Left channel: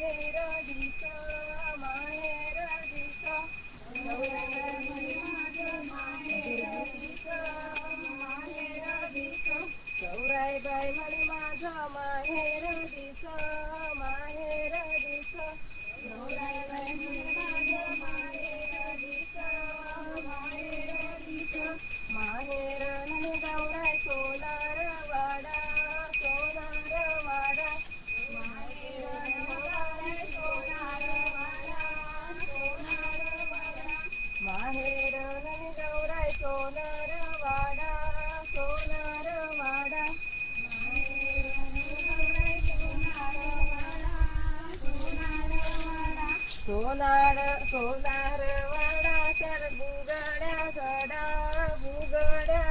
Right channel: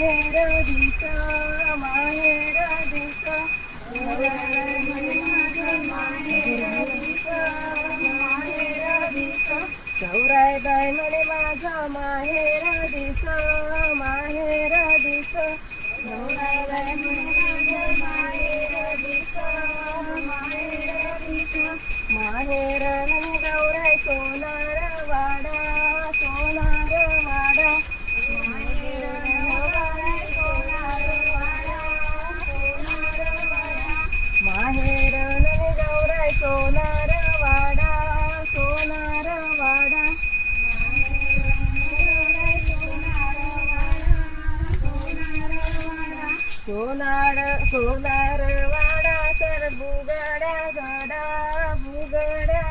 माहेर दिस गौराई बाई म्हणे माझा माहेर दिस गौराई बाई म्हणे माझा माहेर दिस माहेर म्हणे गौराई सोनार वाडा माहेर गौराई माहेर म्हणे गौराई सोनार वाडा सोनार वाडा तर बुगड्या